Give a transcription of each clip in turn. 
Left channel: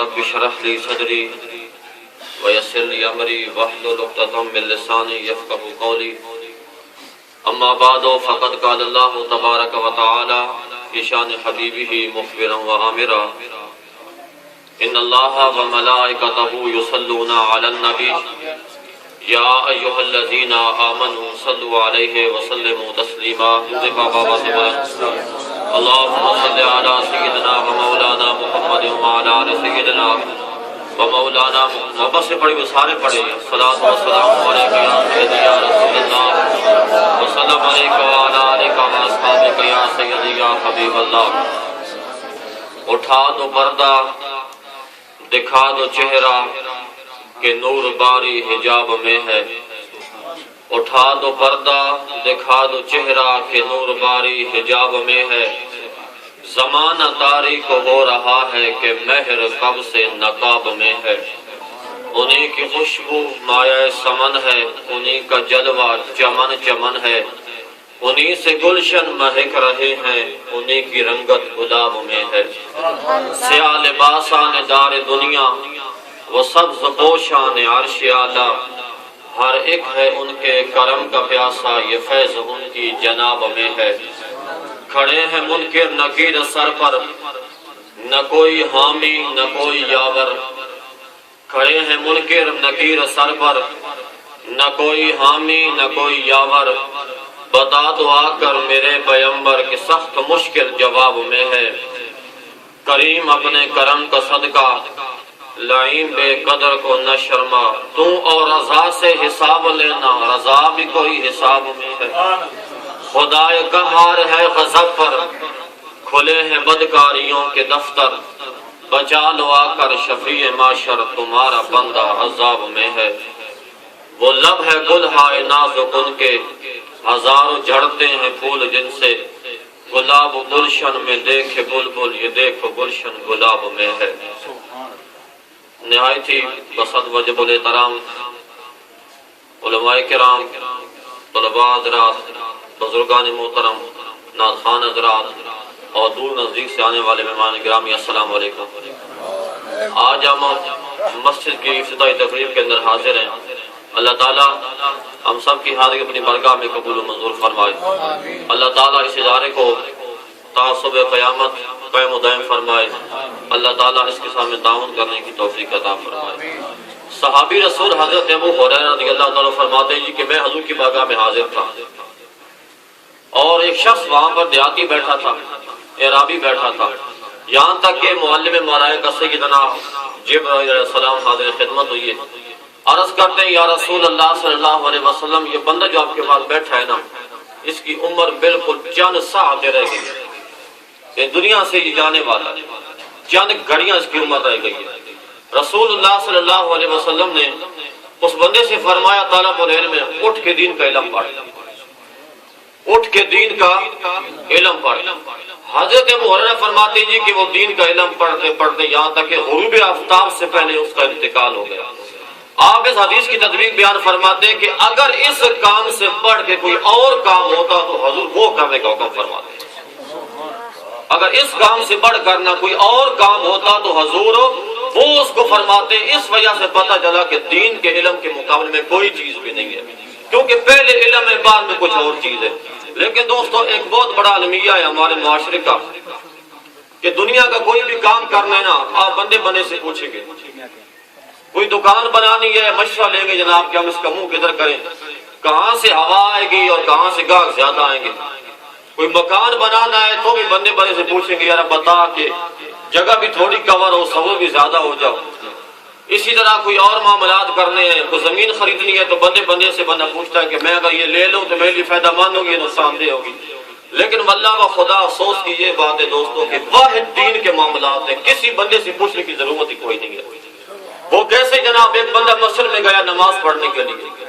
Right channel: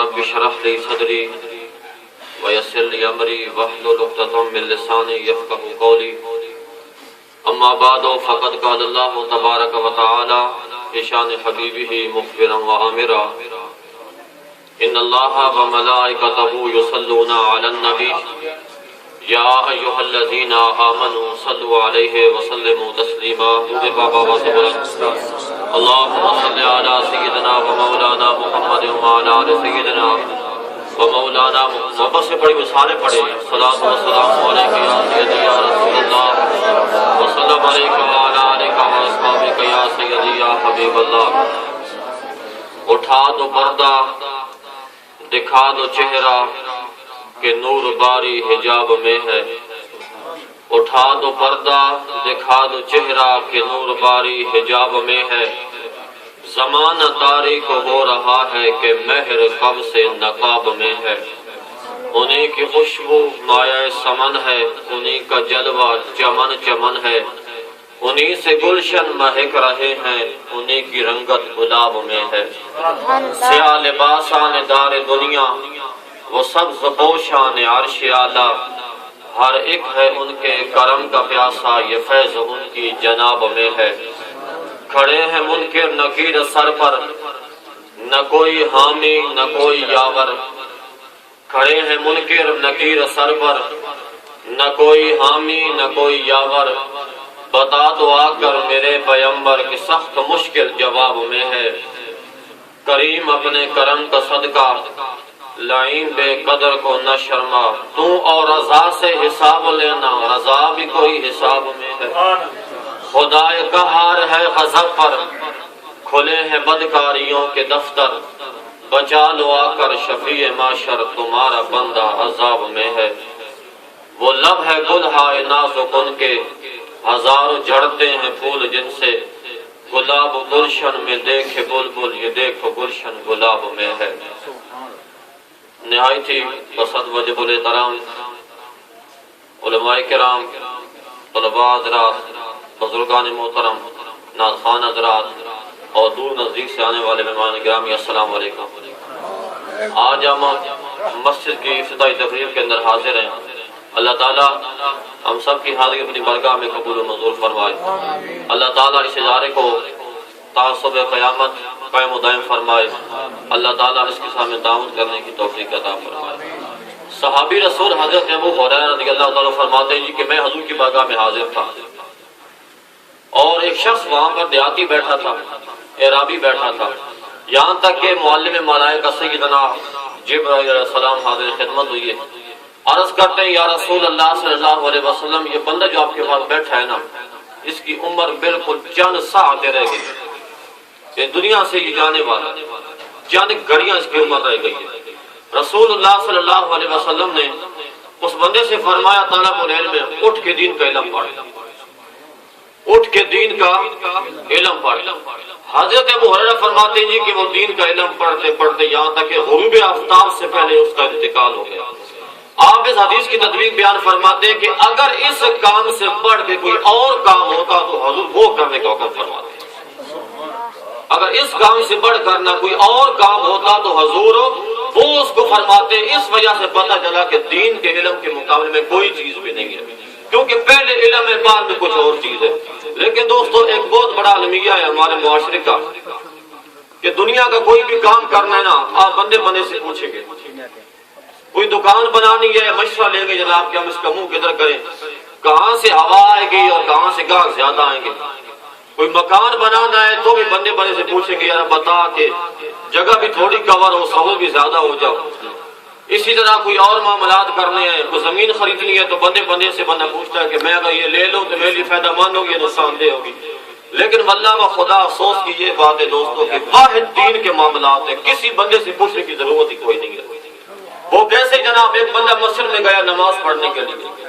رب اشرح لي صدري ويسر لي امري واحلل عقدة من لساني يفقهوا قولي اما بعد فقد قال الله تبارك وتعالى في شان حبيبه مخبرا وآمرا ان الله وملائكته يصلون على النبي یا ایھا الذین آمنوا صلوا علیہ وسلموا تسلیما اللہم صل علی سیدنا و مولانا محمد وعلی آل سیدنا و مولانا محمد بس پڑھیں سارے پڑھیں صلاۃ و سلام علیک یا سیدی یا رسول اللہ وسلم علیک وعلی آلک و اصحابک یا سیدی یا حبیب اللہ. اٹھا دو پردہ دکھا دو چہرہ کہ نور باری حجاب میں ہے. اٹھا دو پردہ دکھا دو چہرہ کہ نور باری حجاب میں ہے. زمانہ تاریک ہو رہا ہے کہ مہر کب سے نقاب میں ہے. انہی کی خوشبو مایہ سمن ہے, انہی کا جلوہ چمن چمن ہے. انہی سے گلشن مہک رہے ہیں, انہی کی رنگت گلاب میں ہے. سیاہ لباسان دار دنیا وہ سبز پوشان عرش اعلیٰ, ہر ایک ہے ان کے کرم کا پیاسا, یہ فیض ان کی جناب میں ہے. کھڑے ہیں منکر نکیر سر پر, نہ کوئی حامی نہ کوئی یاور. کھڑے ہیں منکر نکیر سر پر, نہ کوئی حامی نہ کوئی یاور. بتا دو آ کر میرے پیمبر کہ سخت مشکل جواب میں ہے. کریم اپنے کرم کا صدقہ لعین بے قدر کو نہ شرما, تو اور رضا سے حساب لینا, رضا بھی کوئی حساب میں ہے. خدائے قہار ہے غضب پر, کھلے ہیں بدکاریوں کے دفتر. بچا لو آ کر شفیع معاشر, تمہارا بندہ عذاب میں ہے. وہ لب ہے گلہائے نازک ان کے, ہزاروں جھڑتے ہیں پھول جن سے. گلاب گلشن میں دیکھے بلبل, یہ دیکھو گلشن گلاب میں ہے. نہایت ہی پسند وجب الاحترام علماء کرام, طلباء حضرات, بزرگان محترم, ناظران حضرات اور دور نزدیک سے آنے والے مہمان گرامی, السلام علیکم. آج ہم مسجد کی ابتدائی تقریب کے اندر حاضر ہیں. اللہ تعالیٰ ہم سب کی حاضری اپنی بارگاہ میں قبول و منظور فرمائے. اللہ تعالیٰ اس ادارے کو تعصب قیامت قائم و دائم فرمائے. اللہ تعالیٰ اس کے سامنے تعاون کرنے کی توفیق عطا فرمائے. صحابی رسول حضرت ابو ہریرہ رضی اللہ تعالیٰ فرماتے ہیں کہ میں حضور کی بارگاہ میں حاضر تھا اور ایک شخص وہاں پر دیہاتی بیٹھا تھا, اعرابی بیٹھا تھا. یہاں تک کہ معلم ملائکہ سیدنا جبرائیل علیہ السلام حاضر خدمت ہوئی ہے. عرض کرتے ہیں یا رسول اللہ صلی اللہ علیہ وسلم, یہ بندہ جو آپ کے پاس بیٹھا ہے نا, اس کی عمر بالکل چند ساعت رہ گئی, یہ دنیا سے یہ جانے والا, چند گھڑیاں اس کی عمر رہ گئی ہے. رسول اللہ صلی اللہ علیہ وسلم نے اس بندے سے فرمایا طالب العلم میں اٹھ کے دین کا علم پڑھ, اٹھ کے دین کا علم پڑھ. حضرت ابو ہریرہ فرماتے ہیں کہ وہ دین کا علم پڑھتے پڑھتے یہاں تک کہ غروب آفتاب سے پہلے اس کا انتقال ہو گیا. آپ اس حدیث کی تدوین بیان فرماتے ہیں کہ اگر اس کام سے بڑھ کے کوئی اور کام ہوتا تو حضور وہ کرنے کا حکم فرماتے ہیں. اگر اس کام سے بڑھ کرنا کوئی اور کام ہوتا تو حضور وہ اس کو فرماتے. اس وجہ سے پتہ چلا کہ دین کے علم کے مقابلے میں کوئی چیز بھی نہیں ہے, کیونکہ پہلے علم ہے بعد میں کچھ اور چیز ہے. لیکن دوستو ایک بہت بڑا المیہ ہے ہمارے معاشرے کا کہ دنیا کا کوئی بھی کام کرنا ہے نا, آپ بندے بندے سے پوچھیں گے. کوئی دکان بنانی ہے, مشورہ لیں گے جناب کہ ہم اس کا منہ کدھر کریں, کہاں سے ہوا آئے گی اور کہاں سے گاہک زیادہ آئیں گے. کوئی مکان بنانا ہے تو بھی بندے بندے سے پوچھیں گے یار بتا کہ جگہ بھی تھوڑی کور ہو, سہول بھی زیادہ ہو جاؤ. اسی طرح کوئی اور معاملات کرنے ہیں, کوئی زمین خریدنی ہے تو بندے بندے سے بندہ پوچھتا ہے کہ میں اگر یہ لے لوں تو میرے لیے فائدہ مند ہوگی, نقصان دہ ہوگی. لیکن واللہ و خدا افسوس کی یہ بات ہے دوستوں کہ واحد دین کے معاملات ہیں, کسی بندے سے پوچھنے کی ضرورت ہی کوئی نہیں ہے. وہ کیسے جناب, ایک بندہ مسجد میں گیا نماز پڑھنے کے لیے,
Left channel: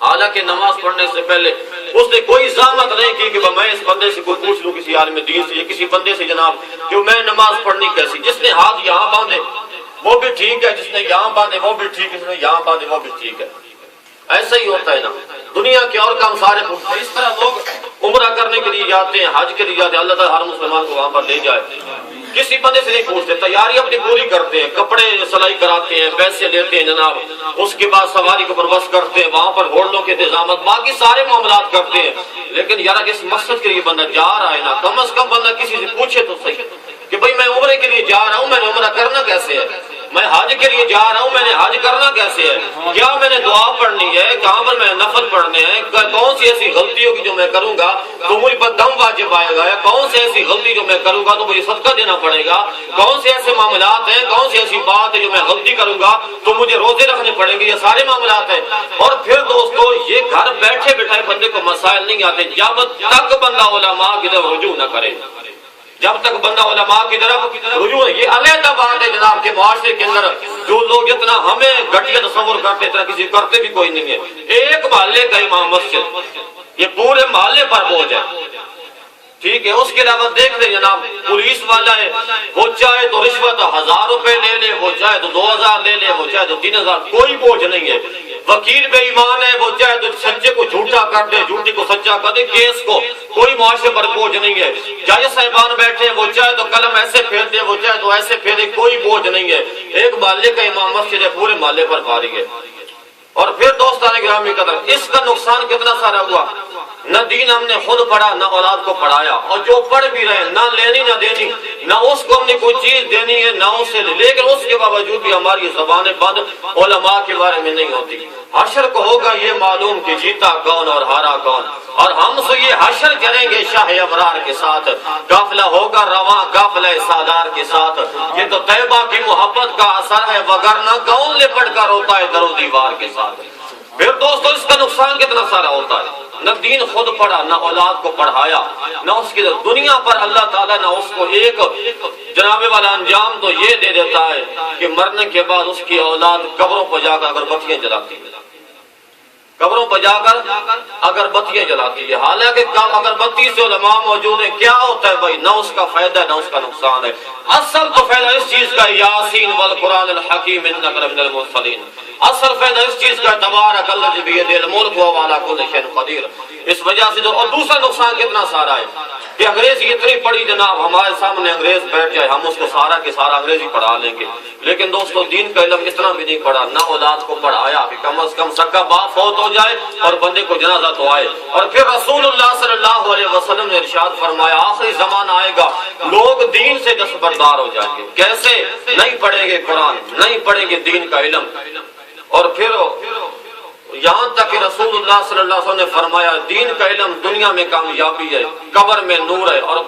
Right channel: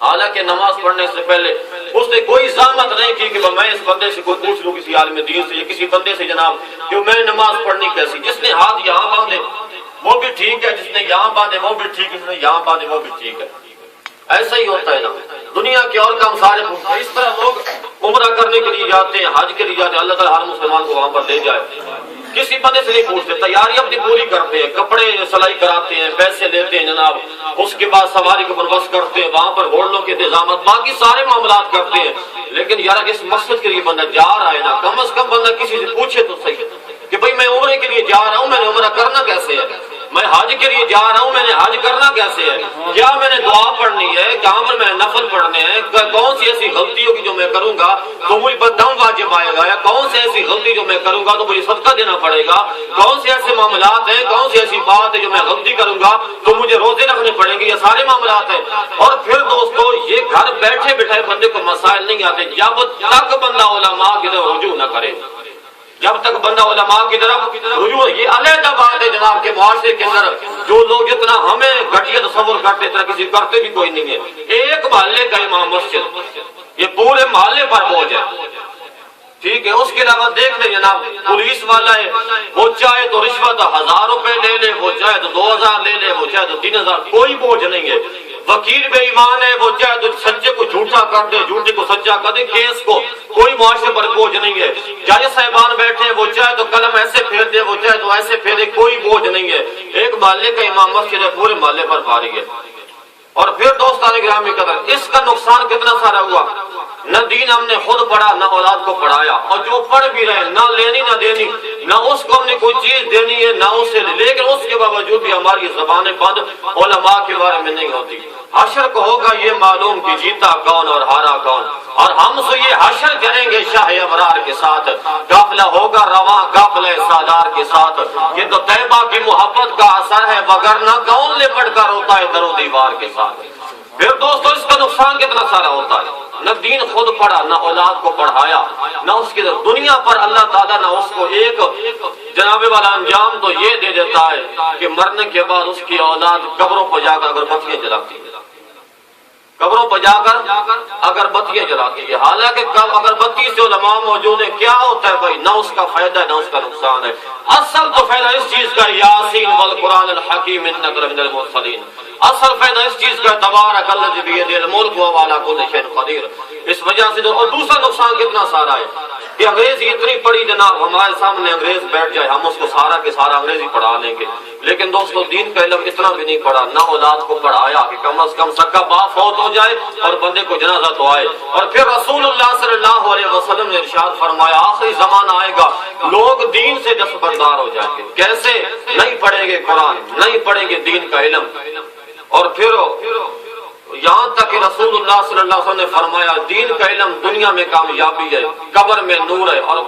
حالانکہ نماز پڑھنے سے پہلے اس نے کوئی زحمت نہیں کی کہ میں اس بندے سے کوئی پوچھ لوں کسی عالم دین سے یا کسی بندے سے جناب کہ میں نماز پڑھنی کیسی. جس نے ہاتھ یہاں باندھے وہ بھی ٹھیک ہے, جس نے یہاں باندھے وہ بھی ٹھیک ہے, جس نے یہاں باندھے وہ بھی ٹھیک ہے. ایسا ہی ہوتا ہے نا, دنیا کے اور کام سارے پوچھتے ہیں. اس طرح لوگ عمرہ کرنے کے لیے جاتے ہیں, حج کے لیے جاتے ہیں, اللہ تعالیٰ ہر مسلمان کو وہاں پر لے جائے. کسی بندے سے نہیں پوچھتے، تیاری اپنی پوری کرتے ہیں، کپڑے سلائی کراتے ہیں، پیسے لیتے ہیں جناب، اس کے بعد سواری کو بندوبست کرتے ہیں، وہاں پر ہوٹلوں کے انتظامات، باقی سارے معاملات کرتے ہیں. لیکن یار اس مقصد کے لیے بندہ جا رہا ہے نا، کم از کم بندہ کسی سے پوچھے تو صحیح کہ بھئی میں عمرے کے لیے جا رہا ہوں، میں نے عمرہ کرنا کیسے ہے، میں حج کے لیے جا رہا ہوں، میں نے حج کرنا کیسے ہے، کیا میں نے دعا پڑھنی ہے، کہاں پر میں نفل پڑھنے ہیں، کون سی ایسی غلطی ہوگی جو میں کروں گا تو مجھ پر دم واجب آئے گا، یا کون سی ایسی غلطی جو میں کروں گا تو مجھے صدقہ دینا پڑے گا، کون سے ایسے معاملات ہیں، کون سی ایسی بات ہے جو میں غلطی کروں گا تو مجھے روزے رکھنے پڑیں گے، یہ سارے معاملات ہیں. اور پھر دوستو یہ گھر بیٹھے بٹھائے بندے کو مسائل نہیں آتے جب تک بندہ علماء کی طرف رجوع نہ کرے، جب تک بندہ علماء کی طرف رجوع. یہ علیحدہ بات ہے جناب کے معاشرے کے اندر جو لوگ اتنا ہمیں گھٹیا تصور کرتے اتنا کسی کرتے بھی کوئی نہیں ہے. ایک محلے کا امام مسجد یہ پورے محلے پر بوجھ ہے، ٹھیک ہے. اس کے علاوہ دیکھ لیں جناب پولیس والا ہے، وہ چاہے تو رشوت 1000 روپے لے لے، وہ چاہے تو 2000 لے لے، وہ چاہے تو 3000، کوئی بوجھ نہیں ہے. وکیل بے ایمان ہے، وہ چاہے تو سچے کو جھوٹا کر دے، جھوٹے کو سچا کر دے، کیس کو کوئی معاشرے پر بوجھ نہیں ہے. جج صاحبان بیٹھے ہیں، وہ چاہے تو قلم ایسے پھیر دے، وہ چاہے تو ایسے پھیر دے، کوئی بوجھ نہیں ہے. ایک محلے کا امام مسجد ہے، پورے محلے پر بھاری ہے. اور پھر دوستان گرامی قدر اس کا نقصان کتنا سارا ہوا، نہ دین ہم نے خود پڑھا، نہ اولاد کو پڑھایا، اور جو پڑھ بھی رہے نہ لینی نہ دینی، نہ اس کو ہم نے کوئی چیز دینی ہے نہ اسے، لیکن اس کے باوجود بھی ہماری زبانیں بند علماء کے بارے میں نہیں ہوتی. حشر کو ہوگا یہ معلوم کہ جیتا کون اور ہارا کون، اور ہم سے یہ حشر کریں گے شاہ ابرار کے ساتھ، قافلہ ہوگا رواں قافلہ سالار کے ساتھ. یہ تو طیبہ کی محبت کا اثر ہے، وگرنہ کون لپٹ کر ہوتا ہے در و دیوار کے ساتھ. پھر دوستو اس کا نقصان کتنا سارا ہوتا ہے، نہ دین خود پڑھا، نہ اولاد کو پڑھایا، نہ اس کی دنیا پر اللہ تعالیٰ نہ اس کو ایک جناب والا انجام تو یہ دے دیتا ہے کہ مرنے کے بعد اس کی اولاد قبروں پر جا کر اگربتیاں جلاتی ہے، قبروں پر جا کر اگربتیاں جلاتی ہے. حالانکہ اگربتی سے علماء موجود ہیں، کیا ہوتا ہے بھائی، نہ اس کا فائدہ ہے نہ اس کا نقصان ہے. اصل تو فائدہ اس چیز کا یاسین والقرآن الحکیم انک لمن المرسلین، اصل فائدہ اس چیز کا تبارک الذی بیدہ الملک وہو علی کل شیء قدیر. اس وجہ سے اور دوسرا نقصان کتنا سارا ہے کہ انگریزی اتنی پڑھی جناب، ہمارے سامنے انگریز بیٹھ جائے ہم اس کو سارا کے سارا انگریزی پڑھا لیں گے، لیکن دوستو دین کا علم اتنا بھی نہیں پڑھا، نہ اولاد کو پڑھایا کہ کم از کم سکا باپ فوت ہو جائے اور بندے کو جنازہ تو آئے. اور پھر رسول اللہ صلی اللہ علیہ وسلم نے ارشاد فرمایا آخری زمانہ آئے گا لوگ دین سے دستبردار ہو جائیں گے. کیسے؟ نہیں پڑھیں گے قرآن، نہیں پڑھیں گے دین کا علم. اور پھر یہاں تک کہ رسول اللہ صلی اللہ علیہ وسلم نے فرمایا دین کا علم دنیا میں کامیابی ہے، قبر میں نور ہے، اور